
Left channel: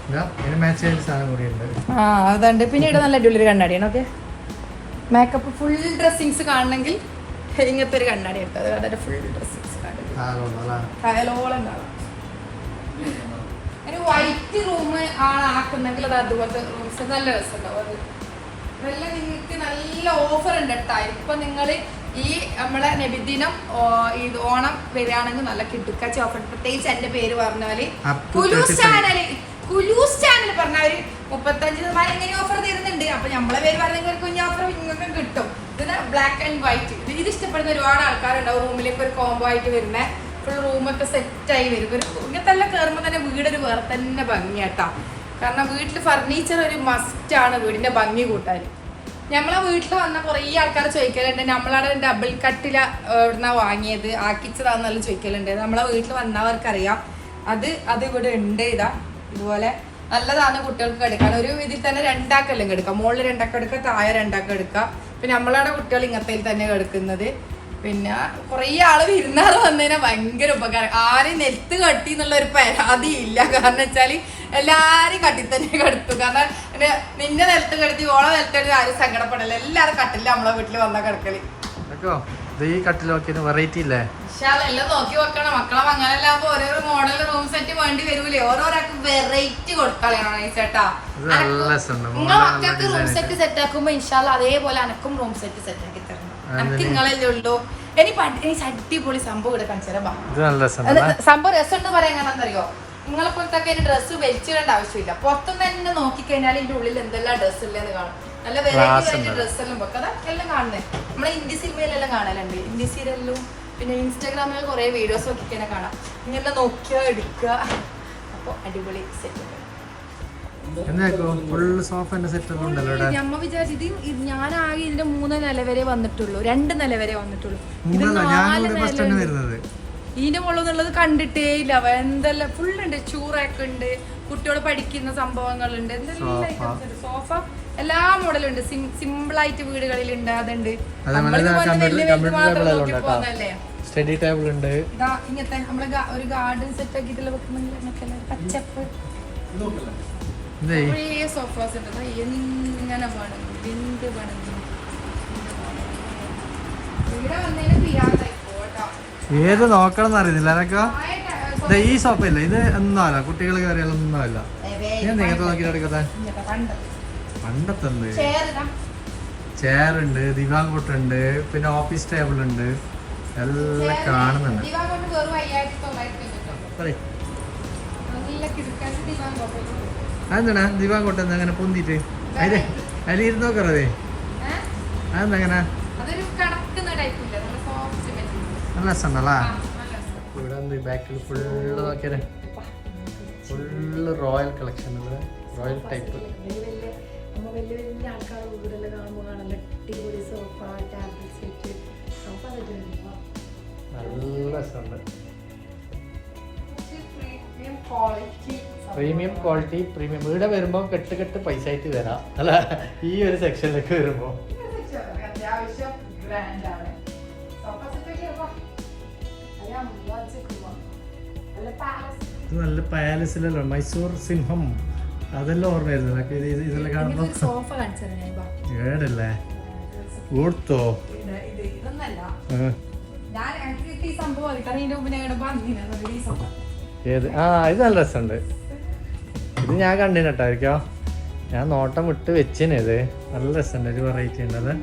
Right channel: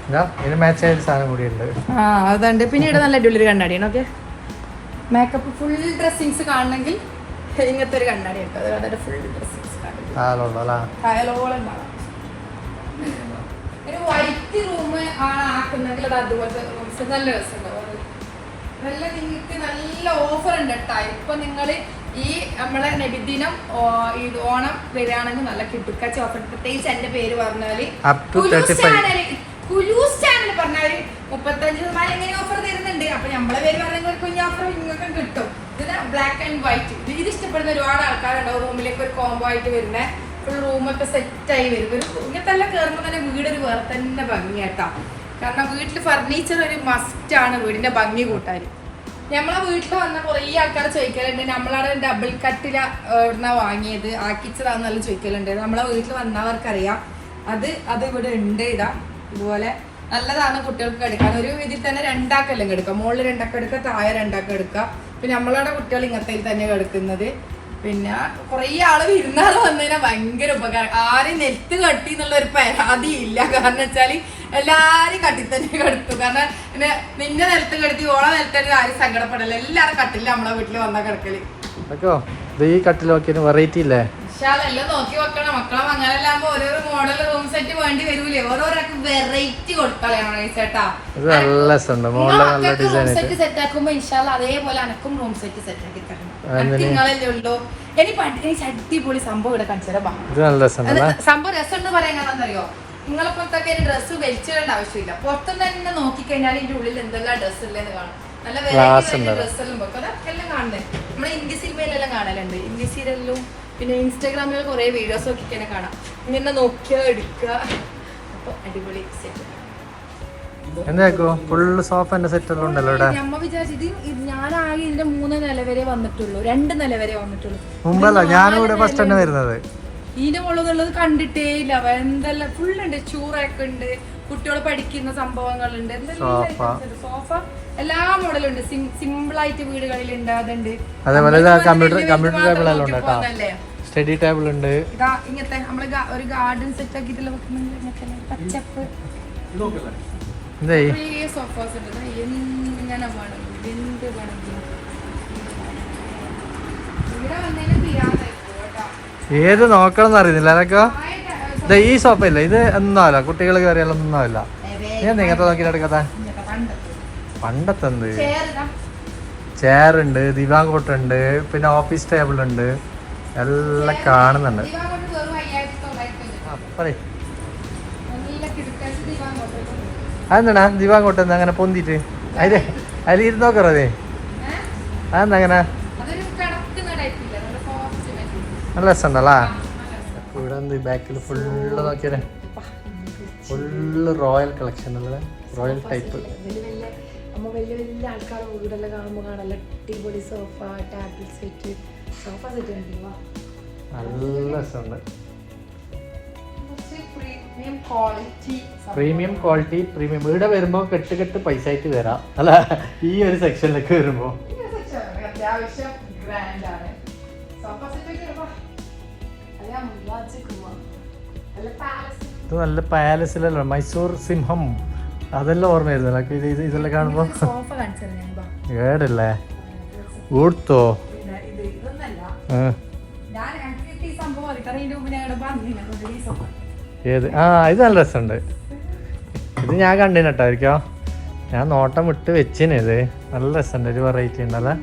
ആ അതുണ്ട്. പിന്നെ ഇവിടെ നല്ല അടിപൊളി കണ്ണാടിയാണ് ഓക്കെ മേക്കപ്പ് ഫുൾ ഡ്രസ്സിങ്സ് കാണണമെങ്കിൽ ഇങ്ങനത്തെ ഒരു കണ്ണാടി ഉണ്ട്. അത് ഫുൾ ഡ്രസ്സിങ്സ് കാണും. ഒരു വൈറ്റ് റൂം ആളാക്കുന്നെങ്കിൽ അത് അതുപോലത്തെ റൂംസ് നല്ല രസമുണ്ടാവും നല്ല നിങ്ങൾക്ക് നല്ല ഓഫർ ഉണ്ട് കേട്ടോ. ഇപ്പൊ നിങ്ങൾ ഈ നമ്മളെ നബിദിനം ഈ ഓണം വരികയാണെങ്കിൽ നല്ല കിടുക്കാച്ചി ഓഫർ പ്രത്യേകിച്ച് എന്റെ പേര് പറഞ്ഞാൽ to കുലൂസ് ചാനൽ കുലൂസ് ഒരു മുപ്പത്തഞ്ച് ശതമാനം ഇങ്ങനെ ഓഫർ തരുന്നുണ്ട്? അപ്പൊ നമ്മളെ പേര് പറഞ്ഞ കുഞ്ഞ് ഓഫർ നിങ്ങൾക്ക് കിട്ടും. ഇത് ബ്ലാക്ക് ആൻഡ് വൈറ്റ് ഇത് ഇഷ്ടപ്പെടുന്ന ഒരുപാട് ആൾക്കാരുണ്ടാവും. റൂമിലേക്ക് ഒരു കോംബോ ആയിട്ട് വരുന്നത് ഫുൾ റൂമൊക്കെ സെറ്റായി വരും. ഒരു ഇങ്ങനത്തെ എല്ലാം കയറുമ്പോൾ തന്നെ വീടൊരു വേറെ തന്നെ ഭംഗിയാട്ടാ. കാരണം വീട്ടിൽ ഫർണിച്ചർ ഒരു മസ്റ്റ് ആണ് വീടിന്റെ ഭംഗി കൂട്ടാൻ. നമ്മളെ വീട്ടിൽ വന്ന കുറേ ആൾക്കാർ ചോദിക്കലുണ്ട്. നമ്മളവിടെ ഡബിൾ കട്ടില എവിടുന്ന വാങ്ങിയത്? ആക്കിച്ചതാന്നെല്ലാം ചോദിക്കലുണ്ട്. നമ്മളെ വീട്ടിൽ വന്നവർക്കറിയാം. അത് അത് ഇവിടെ ഉണ്ട്. ഇതാ ഇതുപോലെ നല്ലതാണ് കുട്ടികൾക്ക് എടുക്കാൻ. ഒരു ഇതിൽ തന്നെ രണ്ടാക്കെല്ലാം എടുക്കാം മുകളിൽ രണ്ടാക്കം എടുക്കുക താഴെ രണ്ടാക്കം എടുക്കുക. പിന്നെ നമ്മളവിടെ കുട്ടികൾ ഇങ്ങനത്തെ തന്നെ എടുക്കുന്നത്. പിന്നെ കുറേ ആൾ വിരുന്നാൾ വന്നതിനാ ഭയങ്കര ഉപകാരം. ആരും നെൽത്ത് കട്ടി എന്നുള്ള ഒരു പരാതി ഇല്ല. കാരണം വെച്ചാൽ എല്ലാരും കട്ടി തന്നെ കെടുത്തു. കാരണം പിന്നെ നിന്റെ നിലത്ത് കെടുത്തി ഓളെ നെൽത്തടി ആരും സങ്കടപ്പെടില്ല. എല്ലാരും കട്ടില്ല നമ്മളെ വീട്ടിൽ വന്ന കിടക്കൽ. ഈ കട്ടിൽ നോക്കിയ വെറൈറ്റി ഇല്ലേ? എല്ലാം നോക്കി വെക്കണം. മക്കളെ അങ്ങനെല്ലാകുമ്പോ ഓരോരോ മോഡൽ റൂം സെറ്റ് വേണ്ടി വരൂലേ? ഓരോരാൾക്ക് വെറൈറ്റി കൊടുക്കളയണം ചേട്ടാ റൂം സെറ്റ് സെറ്റ് ആക്കുമ്പോ ഇൻഷാല്ല അതേപോലെ അനക്കും റൂം സെറ്റ് സെറ്റ് ആക്കി തരണം. നിങ്ങളല്ലേ ഉള്ളൂ. ഇനി എനിക്ക് അടിപൊളി സംഭവം ഇവിടെ കാണിച്ചു വാ. നല്ല രസമുണ്ടല്ലേ അത് സംഭവം രസമുണ്ട് പറയാൻ എന്താണെന്നറിയോ നിങ്ങളെ പുറത്തൊക്കെ ഡ്രസ്സ് വലിച്ചിടേണ്ട ആവശ്യമില്ല. പുറത്തു തന്നെ നോക്കിക്കഴിഞ്ഞാൽ ഇതിന്റെ ഉള്ളിൽ എന്തെല്ലാം ഡ്രസ്സ് ഉള്ളതെന്ന് കാണും. നല്ല വെറൈറ്റി ഡ്രസ്സെല്ലാം വെക്കാം എല്ലാം കാണുന്നത് നമ്മളെ ഇന്ത്യ സിനിമയിലെല്ലാം കാണലുണ്ട്. ഇന്ത്യ സീരിയലിലും പിന്നെ ഇൻസ്റ്റാഗ്രാമിൽ കുറേ വീഡിയോസ് ഒക്കെ ഇങ്ങനെ കാണാം. ഇങ്ങനെ നോക്കുക എടുക്കുക. അപ്പോൾ അടിപൊളി സെറ്റ് എന്താക്കോ? ഫുള്ള് സോഫന്റെ സെറ്റ് ഉണ്ടല്ലോ ഇവിടെ. വിചാരിച്ചത് ഞാനാകെ ഇതിന്റെ മൂന്ന് നില വരെ വന്നിട്ടുള്ളൂ. രണ്ട് നില വരെ വന്നിട്ടുള്ളൂ. മുമ്പല്ല ഞാനും ഇവിടെ ഫസ്റ്റ് വരുന്നത്. ഇതിന്റെ മുകളിൽ കണ്ടിട്ടേ ഇല്ല. എന്തെല്ലാം ഫുൾ ഉണ്ട്. ചൂറൊക്കെ ഉണ്ട്. കുട്ടികൾ പഠിക്കുന്ന സംഭവങ്ങളുണ്ട്. എന്തെല്ലാം സോഫ. എല്ലാ മോഡലും ഉണ്ട് സിമ്പിൾ ആയിട്ട് വീടുകളിൽ ഉണ്ട് അതുണ്ട്? സ്റ്റഡി ടേബിൾ ഉണ്ട്. ഇങ്ങനത്തെ നമ്മൾ ഒരു ഗാർഡൻ സെറ്റ് ആക്കിയിട്ടുള്ള വെക്കുന്നെങ്കിൽ ഇങ്ങനത്തെ ഒരു പച്ചപ്പ്. സോഫാസ് ഉണ്ട്. ദാ എങ്ങനെ വേണം. എന്ത് വേണം. ഇവിടെ വന്നതിന് പിരാന്തായി പോട്ടോ ഏത് നോക്കണം എന്നറിയുന്നില്ല അതൊക്കെ ഇത് ഈ സോപ്പല്ല ഇത് ഒന്നുമല്ല കുട്ടികൾ കയറിയാലൊന്നും അല്ല ഞാൻ നോക്കിയിട്ട് എടുക്കാത്ത പണ്ടത്തെ എന്ത് ചെയർ ഉണ്ട് ദിവാങ്കോട്ട് ഉണ്ട് പിന്നെ ഓഫീസ് ടേബിൾ ഉണ്ട് എല്ലാം കാണുന്നുണ്ട്. അതെന്താണാ അതെന്താ ദിവാങ്കോട്ട് എന്താ അങ്ങനെ പൊന്തിട്ട് അതെ അതിൽ ഇരുന്ന് നോക്കറേ അതെന്താ അങ്ങനെ നല്ല രസം ഉണ്ടല്ലേ എന്ത് ബാക്കിൽ ഫുള്ള് നോക്കിയാലേ ഫുള്ള് റോയൽ കളക്ഷൻ ഉള്ളത്. Royal type. വലിയ വലിയ വീടെല്ലാം കാണുമ്പോൾ കാണല്ല. അടിപൊളി sofa table set. Sofa set ഉണ്ടല്ലോ നല്ല രസമുണ്ട്. പ്രീമിയം ക്വാളിറ്റി പ്രീമിയം ഇവിടെ വരുമ്പോൾ കെട്ട് കെട്ട് പൈസ ആയിട്ട് വരാം. അല്ല ഈ ഒരു സെക്ഷനിലേക്ക് വരുമ്പോൾ അത്യാവശ്യം ഗ്രാൻഡ് ഇത് നല്ല പാലസിലല്ല മൈസൂർ സിംഹം. അതെല്ലാം ഓർമ്മ വരുന്നില്ല ഇത് ഇത് ഇതെല്ലാം കാണുമ്പോൾ ഏടല്ലേ ഊർത്തോ? ഏത്? ആ ഇത് നല്ല രസമുണ്ട്. ഇത് ഞാൻ കണ്ടിന് കേട്ടോ ഇരിക്കോ ഞാൻ നോട്ടം വിട്ട് വെച്ചിന് ഇത്. നല്ല രസമുണ്ട്. ഒരു വെറൈറ്റി ഉണ്ടല്ലേ?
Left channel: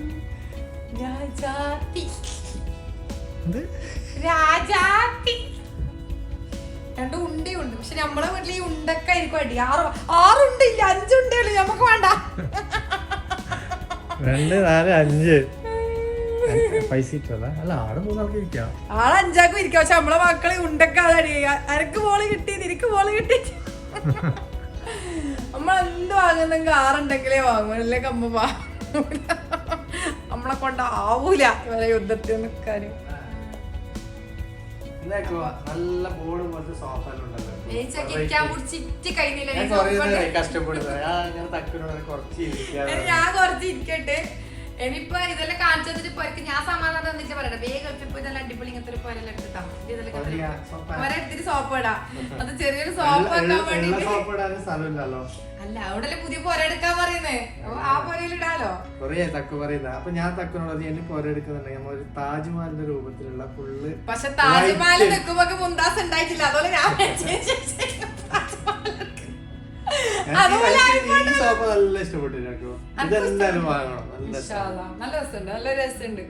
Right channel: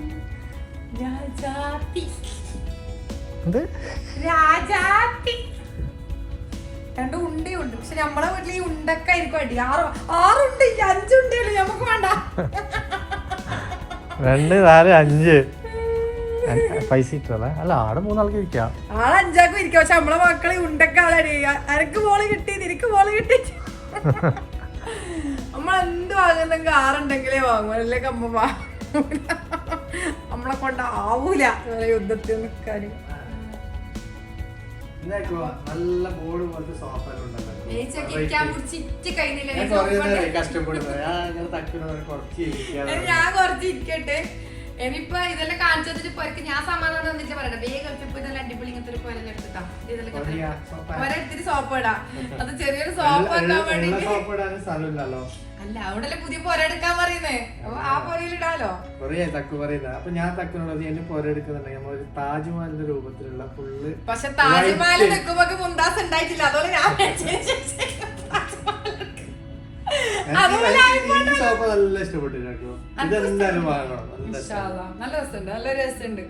എന്ത്? രാജാത്തി. രണ്ട് ഉണ്ടയുണ്ട് പക്ഷെ നമ്മളെ വീട്ടിൽ ഈ ഉണ്ടൊക്കെ ആയിരിക്കും അടി. ആറ് ആറുണ്ട് ഇല്ല അഞ്ചുണ്ടല്ലോ നമുക്ക് വേണ്ട. രണ്ട് നാല് അഞ്ച്. പൈസ അല്ല ആടെ മൂന്നാൾക്ക് ഇരിക്കാം. ആൾ അഞ്ചാക്കും ഇരിക്കാം. പക്ഷെ നമ്മളെ മക്കളെ ഉണ്ടൊക്കെ അടി അനക്ക് മോൾ കിട്ടി നിനക്ക് മോൾ കിട്ടി. നമ്മളെന്ത് വാങ്ങുന്നെങ്കിൽ ആറുണ്ടെങ്കിലേ വാങ്ങൂ. അല്ലേ വാങ്ങൂല. നമ്മളെ കൊണ്ട് ആവൂല യുദ്ധത്തിൽ നിൽക്കാനും നല്ല ബോർഡ് പോലത്തെ സോഫ കഷ്ടപ്പെടുന്നത്. ഞാൻ തക്കിനോട് കുറച്ച് ഇരിക്കാതെ ഞാൻ കുറച്ച് ഇരിക്കട്ടെ. ഇനിയിപ്പൊ ഇതെല്ലാം കാണിച്ചു വെച്ചിട്ട് പോരക്ക് ഞാൻ സമാധാനം തന്നിട്ട് പറയണ്ട. വേഗം എടുത്തിപ്പോ ഇതെല്ലാം അടിപൊളി ഇങ്ങനത്തെ ഒരു പോലെല്ലാം എടുത്തിട്ടാ. ഇതെല്ലാം. ഒരെടുത്തിട്ട് സോപ്പ് ഇടാ. അത് ചെറിയൊരു സോപ്പ് ആക്കാൻ വേണ്ടിട്ട് അല്ല അവിടെ പുതിയ പൊര എടുക്കാൻ പറയുന്നേ. ആ പൊരയിൽ ഇടാലോ? കൊറേ തക്ക് പറയുന്നത് അപ്പൊ ഞാൻ തക്കിനോട് എന്നെ പോര എടുക്കുന്നുണ്ടെങ്കിൽ നമ്മൾ ഒരു താജ്മഹലിന്റെ രൂപത്തിലുള്ള ഫുള്ള് പക്ഷെ താജ്മഹൽ നിൽക്കുമ്പോ മുന്താസ് ഉണ്ടായിട്ടില്ല. അതുപോലെ ഞാൻ സോഫ നല്ല ഇഷ്ടപ്പെട്ടിട്ടോ ഇതെന്തായാലും വാങ്ങണം. നല്ല ഇൻഷാ അല്ലാ. നല്ല രസമുണ്ട്. നല്ല രസമുണ്ട്.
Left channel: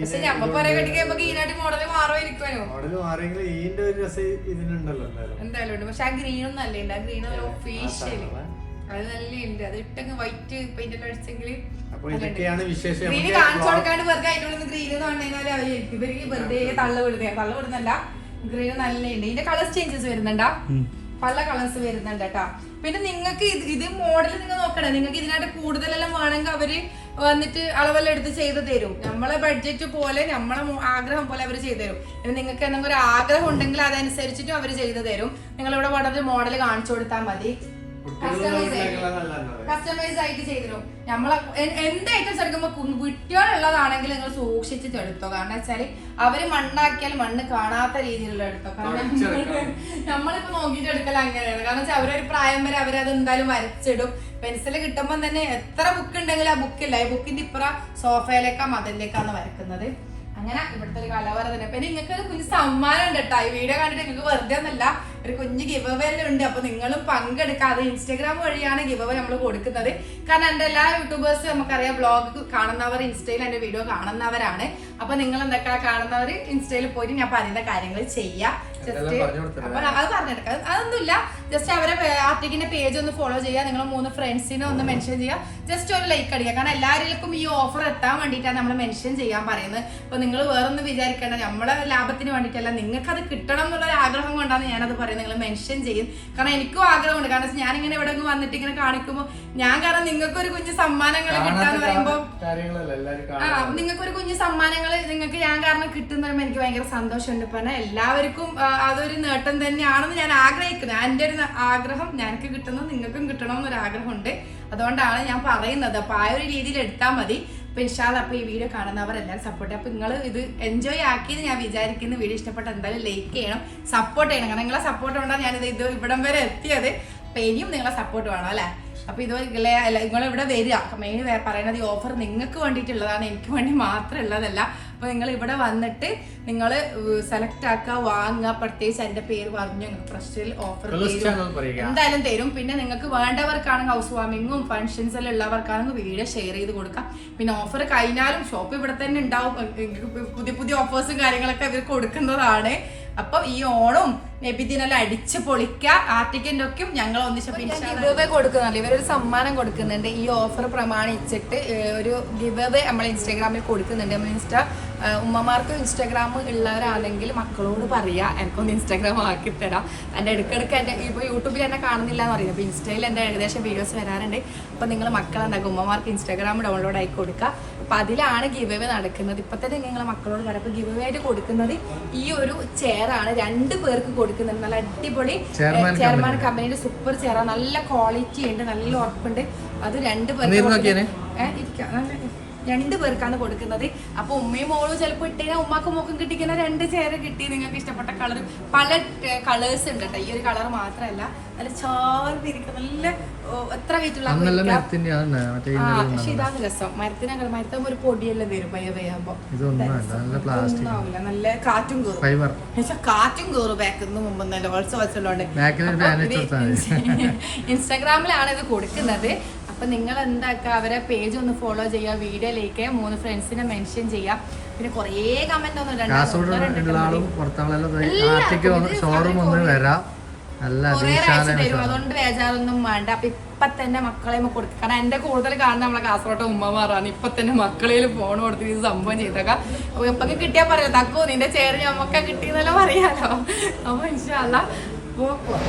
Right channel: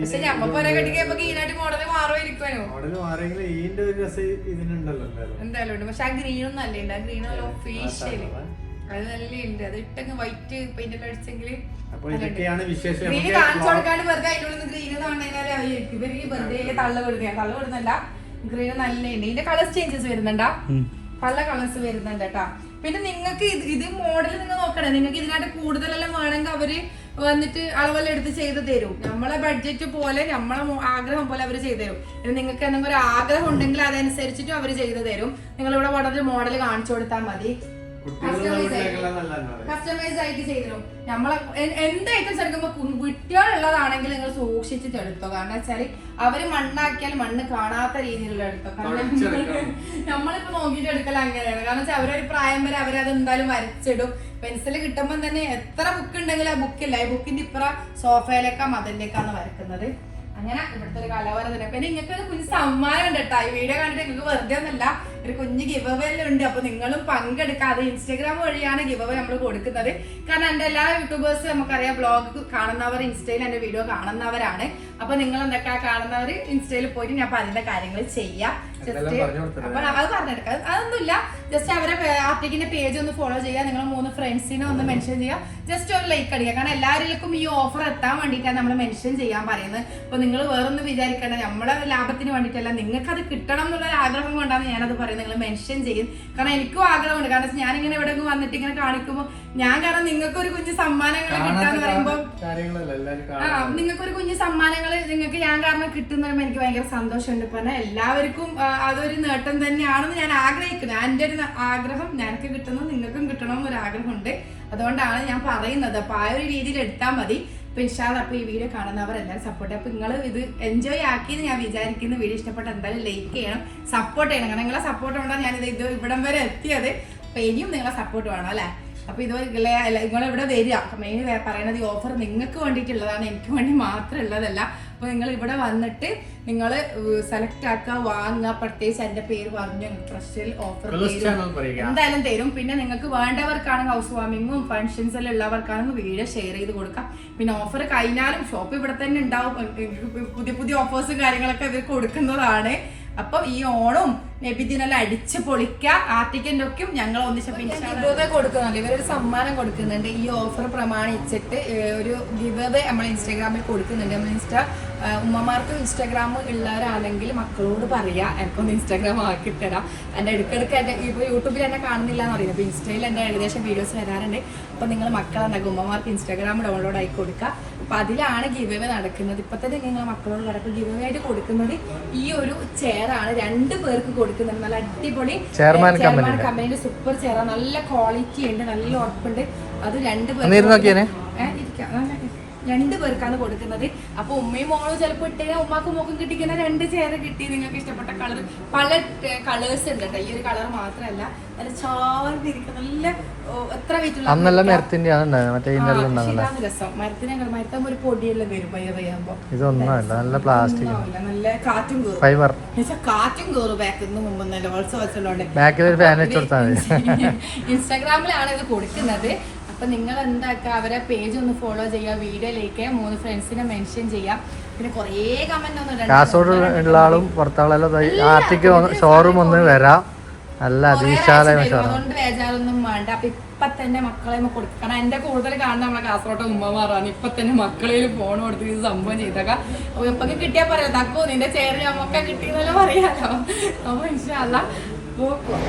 പക്ഷെ ഞമ്മ പൊര കെട്ടിക്കുമ്പോ ഈനായിട്ട് മോഡൽ മാറുമായിരിക്കുമോ മോഡൽ മാറിയെങ്കിൽ ഈന്റെ ഒരു രസം ഇതിനുണ്ടല്ലോ എന്തായാലും. ഉണ്ട്. പക്ഷെ ആ ഗ്രീനും നല്ല ഉണ്ട്? ആ ഗ്രീൻ ഒരു ഒഫീഷ്യൽ അത് നല്ല ഉണ്ട് അത് ഇട്ടങ്ങ് വൈറ്റ് പെയിന്റ് എല്ലാം അടിച്ചെങ്കിൽ ഗ്രീന് കാണിച്ചു കൊടുക്കാണ്ട് വെറുതെ എന്ന് പറഞ്ഞാൽ അവർക്ക് ഇവർക്ക് വെറുതെ തള്ള വിടുന്ന തള്ള വിടുന്നല്ല ഗ്രീൻ നല്ല ഉണ്ട് ഇതിന്റെ കളേഴ്സ് ചേഞ്ചസ് വരുന്നുണ്ടാ. പല കളേഴ്സ് വരുന്നുണ്ട് കേട്ടാ പിന്നെ നിങ്ങൾക്ക് ഇത് ഇത് മോഡൽ നിങ്ങൾ നോക്കണേ. നിങ്ങൾക്ക് ഇതിനായിട്ട് കൂടുതലെല്ലാം വേണമെങ്കിൽ അവർ വന്നിട്ട് അളവെല്ലാം എടുത്ത് ചെയ്ത് തരും. നമ്മളെ ബഡ്ജറ്റ് പോലെ നമ്മളെ ആഗ്രഹം പോലെ അവർ ചെയ്തു തരും. പിന്നെ നിങ്ങൾക്ക് എന്തെങ്കിലും ഒരു ആഗ്രഹം ഉണ്ടെങ്കിൽ അതനുസരിച്ചിട്ടും അവർ ചെയ്തു തരും. നിങ്ങളിവിടെ വളരെ മോഡൽ കാണിച്ചു കൊടുത്താൽ മതി. കസ്റ്റമൈസ് ആയിട്ട്. ചെയ്തിരും നമ്മളെ എന്ത് ഐറ്റംസ് എടുക്കുമ്പോൾ കുട്ടികളുള്ളതാണെങ്കിൽ നിങ്ങൾ സൂക്ഷിച്ചിട്ട് എടുത്തോ. കാരണം വെച്ചാൽ അവർ മണ്ണാക്കിയാൽ മണ്ണ് കാണാത്ത രീതിയിലുള്ള എടുത്തോ. കാരണം നമ്മളിപ്പോ നോക്കിയിട്ട് എടുക്കൽ അങ്ങനെയാണ്. കാരണം വെച്ചാൽ അവരൊരു പ്രായം വരെ അവരത് എന്തായാലും വരച്ചിടും. പെൻസിൽ കിട്ടുമ്പോൾ തന്നെ എത്ര ബുക്ക് ഉണ്ടെങ്കിലും ആ ബുക്കില്ല ഈ ബുക്കിന്റെ ഇപ്പുറ സോഫയിലേക്കാ മതിലേക്കാണ് വരക്കുന്നത്. അങ്ങനെ ഇവിടുത്തെ ഒരു കലവറ തന്നെ. പിന്നെ നിങ്ങൾക്ക് ഒരു കുഞ്ഞ് സമ്മാനം ഉണ്ട് കേട്ടോ ഈ വീഡിയോ കണ്ടിട്ട് നിങ്ങൾക്ക് വെറുതെ ഒന്നല്ല ഒരു കുഞ്ഞ് ഗിവ് അവേ ഉണ്ട്. അപ്പൊ നിങ്ങളും പങ്കെടുക്കാതെ ഇൻസ്റ്റാഗ്രാം വഴിയാണ് ഗിവ് അവേ നമ്മൾ കൊടുക്കുന്നത്. കാരണം എന്റെ എല്ലാ യൂട്യൂബേഴ്സ് നമുക്കറിയാം ബ്ലോഗ് കാണുന്നവർ ഇൻസ്റ്റയിൽ എന്റെ വീഡിയോ കാണുന്നവരാണ്. അപ്പൊ നിങ്ങൾ എന്തൊക്കെ കാണുന്നവർ ഇൻസ്റ്റയിൽ പോയിട്ട് ഞാൻ പറയുന്ന കാര്യങ്ങൾ ചെയ്യാം. ജസ്റ്റ് അപ്പൊ അത് പറഞ്ഞെടുക്കാം. അത് അതൊന്നുമില്ല. ജസ്റ്റ് അവരെ ആർട്ടിക്കിന്റെ പേജ് ഒന്ന് ഫോളോ ചെയ്യുക. നിങ്ങൾ മൂന്ന് ഫ്രണ്ട്സിനെ ഒന്ന് മെൻഷൻ ചെയ്യുക. ജസ്റ്റ് ഒരു ലൈക്ക് അടിക്കുക. കാരണം എല്ലാവരിലേക്കും ഈ ഓഫർ എത്താൻ വേണ്ടിയിട്ടാണ് നമ്മൾ മെൻഷൻ ചെയ്യാൻ പറയുന്നത്. അപ്പൊ നിങ്ങൾ വേറൊന്നും വിചാരിക്കേണ്ട. നമ്മളെ ലാഭത്തിന് വേണ്ടിയിട്ടല്ല. നിങ്ങൾക്ക് അത് കിട്ടണം എന്നുള്ള ആഗ്രഹം കൊണ്ടാണ് ഞാനത് പറയുന്നത്. നിങ്ങൾ മെൻഷൻ ചെയ്യും. കാരണം എനിക്കും ആഗ്രഹമുണ്ട്. കാരണം ഞാൻ ഇങ്ങനെ ഇവിടെ വന്നിട്ട് ഇങ്ങനെ കാണിക്കുമ്പോൾ ഞാൻ കാരണം നിങ്ങൾക്ക് ഒരു കുഞ്ഞു സമ്മാനങ്ങൾ കിട്ടാന്ന് പറയുമ്പോൾ ആ നിങ്ങൾക്ക് ഒരു കുഞ്ഞു സമ്മാനങ്ങൾ നിങ്ങൾക്ക് ഞാൻ കാരണം കിട്ടുന്നതും എനിക്ക് ഭയങ്കര സന്തോഷമുണ്ട്. പറഞ്ഞാൽ എല്ലാവർക്കും അതൊരു നേട്ടം തന്നെയാണെന്ന് ഞാൻ ആഗ്രഹിക്കുന്നു. എന്റെ ഒരു ആഗ്രഹം ഞങ്ങൾക്ക് കിട്ടണം നിങ്ങൾക്കും കിട്ടണം എന്നൊരു ആഗ്രഹമുണ്ട്. അതുകൊണ്ടാണ് ഞാൻ പറയുന്നത്. അപ്പൊ ആ ഒരു രീതിയിൽ എടുത്താൽ മതി. അപ്പൊ ഇൻഷാല്ല അപ്പൊ ഈ വീഡിയോ കാണുന്നവരെല്ലാം സപ്പോർട്ട് അപ്പൊ നിങ്ങൾ ഇത് എൻജോയ് ആക്കിയെന്ന് ഞാൻ വിചാരിക്കുന്നു. വീഡിയോ ഇഷ്ടപ്പെട്ട എന്തായാലും ലൈക്ക് ചെയ്യണം സപ്പോർട്ട് ചെയ്യണം. കാരണം നിങ്ങളെ സപ്പോർട്ട് കൊണ്ടാണ് ഞാനിത് ഇത് ഇവിടം വരെ എത്തിയത്. അപ്പൊ ഇനിയും നിങ്ങളെ സപ്പോർട്ട് വേണം അല്ലേ? അപ്പൊ ഇത് നിങ്ങളിവിടെ വരിക. മെയിൻ പറയുന്നത് ഈ ഓഫർ നിങ്ങൾക്ക് വേണ്ടിയിട്ടുള്ളതാണ്. എനിക്ക് വേണ്ടി മാത്രം ഉള്ളതല്ല അപ്പൊ നിങ്ങൾ ഇവിടെ വന്നിട്ട് നിങ്ങൾ സെലക്ട് ആക്കുക വാങ്ങുക പ്രത്യേകിച്ച് എന്റെ പേര് പറഞ്ഞു ഫ്രഷിൽ ഓഫർ എന്തായാലും തരും. പിന്നെ നിങ്ങൾക്ക് വേണ്ടവർക്കാണെങ്കിൽ ഹൗസ് വാമിങ്ങും ഫങ്ഷൻസിൽ ഉള്ളവർക്കാണെങ്കിൽ വീഡിയോ ഷെയർ ചെയ്ത് കൊടുക്കാം. പിന്നെ ഓഫർ കഴിഞ്ഞാലും ഷോപ്പ് ഇവിടെ തന്നെ ഉണ്ടാവും. പുതിയ പുതിയ ഓഫേഴ്സും കാര്യങ്ങളൊക്കെ ഇവർ കൊടുക്കുന്നതാണ് അപ്പൊ ഈ ഓണവും നബിദിനെല്ലാം അടിച്ച് പൊളിക്കുക ആർട്ടിക്കന്റെ ഒക്കെ ഞങ്ങൾ ഒന്നിച്ച് കൊടുക്കുന്നുണ്ട്. ഇവരൊരു സമ്മാനം കൊടുക്കുന്നുണ്ട്. ഈ ഓഫർ പ്രമാണിച്ചിട്ട് ഒരു ഗിവ് അവേ നമ്മൾ ഇൻസ്റ്റാഗ്രാമിൽ കൊടുക്കുന്നുണ്ട് നമ്മൾ ഇൻസ്റ്റാ ഉമ്മമാർക്ക് ഇൻസ്റ്റാഗ്രാം ഉള്ളവരാണെങ്കിൽ മക്കളോട് പറയാ എനിക്കൊന്ന് ഇൻസ്റ്റാഗ്രാം ആക്കി തരാം. എന്റെ ഇടയ്ക്കിടയ്ക്ക് എന്റെ ഇപ്പോൾ യൂട്യൂബിൽ എന്നെ കാണുന്നില്ല എന്ന് പറയുന്നത് അപ്പോൾ ഇൻസ്റ്റയിൽ എന്റെ ഏകദേശം വീഡിയോസ് വരാറുണ്ട്. അപ്പോൾ നിങ്ങൾ മക്കൾ എന്താക്കും ഉമ്മമാർക്ക് ഇൻസ്റ്റാഗ്രാം ഡൗൺലോഡ് ആയി കൊടുക്കുക. അപ്പം അതിലാണ് ഗിവ് അവേ നടക്കുന്നത്. ഇപ്പം തന്നെ നിങ്ങൾ മക്കളോട് പറയാം. അപ്പോൾ ഗിവ് അവേ ആയിട്ട് കൊടുക്കുന്നത് ഈ ഒരു ചെയറാണ് രണ്ട് പേർക്ക് കൊടുക്കുന്നുണ്ട്. നല്ല അടിപൊളി ചെയർമാൻ കമ്പനിയുടെ സൂപ്പർ ചെയർ നല്ല ക്വാളിറ്റി ഉണ്ട് നല്ല ഉറപ്പുണ്ട്. അത് രണ്ട് ഒന്ന് നല്ല- രണ്ട് പേർക്കാണ് കൊടുക്കുന്നത്. അപ്പൊ ഉമ്മയും മോളും ചിലപ്പോൾ ഇട്ടേ ഉമ്മാക്കും മോക്കും കിട്ടിക്കുന്ന രണ്ട് ചെയർ കിട്ടി. നിങ്ങൾക്ക് ഇഷ്ടപ്പെട്ട കളർ പല കളേഴ്സ് ഉണ്ട് കേട്ടോ ഈ ഒരു കളർ മാത്രമല്ല നല്ല ചാർന്നിരിക്കുന്ന നല്ല എത്ര വെയിറ്റുള്ള രസം. മരത്തിനെ മരത്താകുമ്പോ ഒരു പൊടിയെല്ലാം വരും പയ്യ നല്ല പ്ലാസ്റ്റിക് നല്ല കാറ്റും കയറും കാറ്റും കയറും ബാക്കിൽ മുമ്പ് ഫാൻ ഇട്ട് കൊടുത്താൽ മതി. ഇൻസ്റ്റാഗ്രാമിലാണ് ഇത് കൊടുക്കുന്നത്. അപ്പൊ നിങ്ങൾ എന്താക്കുക അവരെ പേജ് ഒന്ന് ഫോളോ ചെയ്യുക വീഡിയോയിലേക്ക് ലൈക്ക് മൂന്ന് ഫ്രണ്ട്സിനെ മെൻഷൻ ചെയ്യാം പിന്നെ കുറേ കമന്റ് ഒന്നും. കാസർഗോഡ് ഉള്ള ആളും ആർട്ടിക്ക് ഷോറൂം ഒന്ന് വരാം. അതുകൊണ്ട് ബേജാറൊന്നും വേണ്ട. അപ്പൊ ഇപ്പൊ തന്നെ മക്കളെ കൊടുക്കുക കാരണം എന്റെ കൂടുതൽ കാണുന്ന നമ്മളെ കാസർഗോട്ടെ ഉമ്മമാറാണ് ഇപ്പൊ തന്നെ മക്കളെ ഫോൺ കൊടുത്ത് ഇത് സംഭവം ചെയ്തേക്കാം. അപ്പൊ ഇപ്പൊ കിട്ടിയാ പറയാം തക്കോ നിന്റെ ചേർ ഞമ്മക്ക കിട്ടിയെന്നല്ലോ പറയാലോ. അപ്പൊ ഇൻഷാല്ല പോക്കുവാ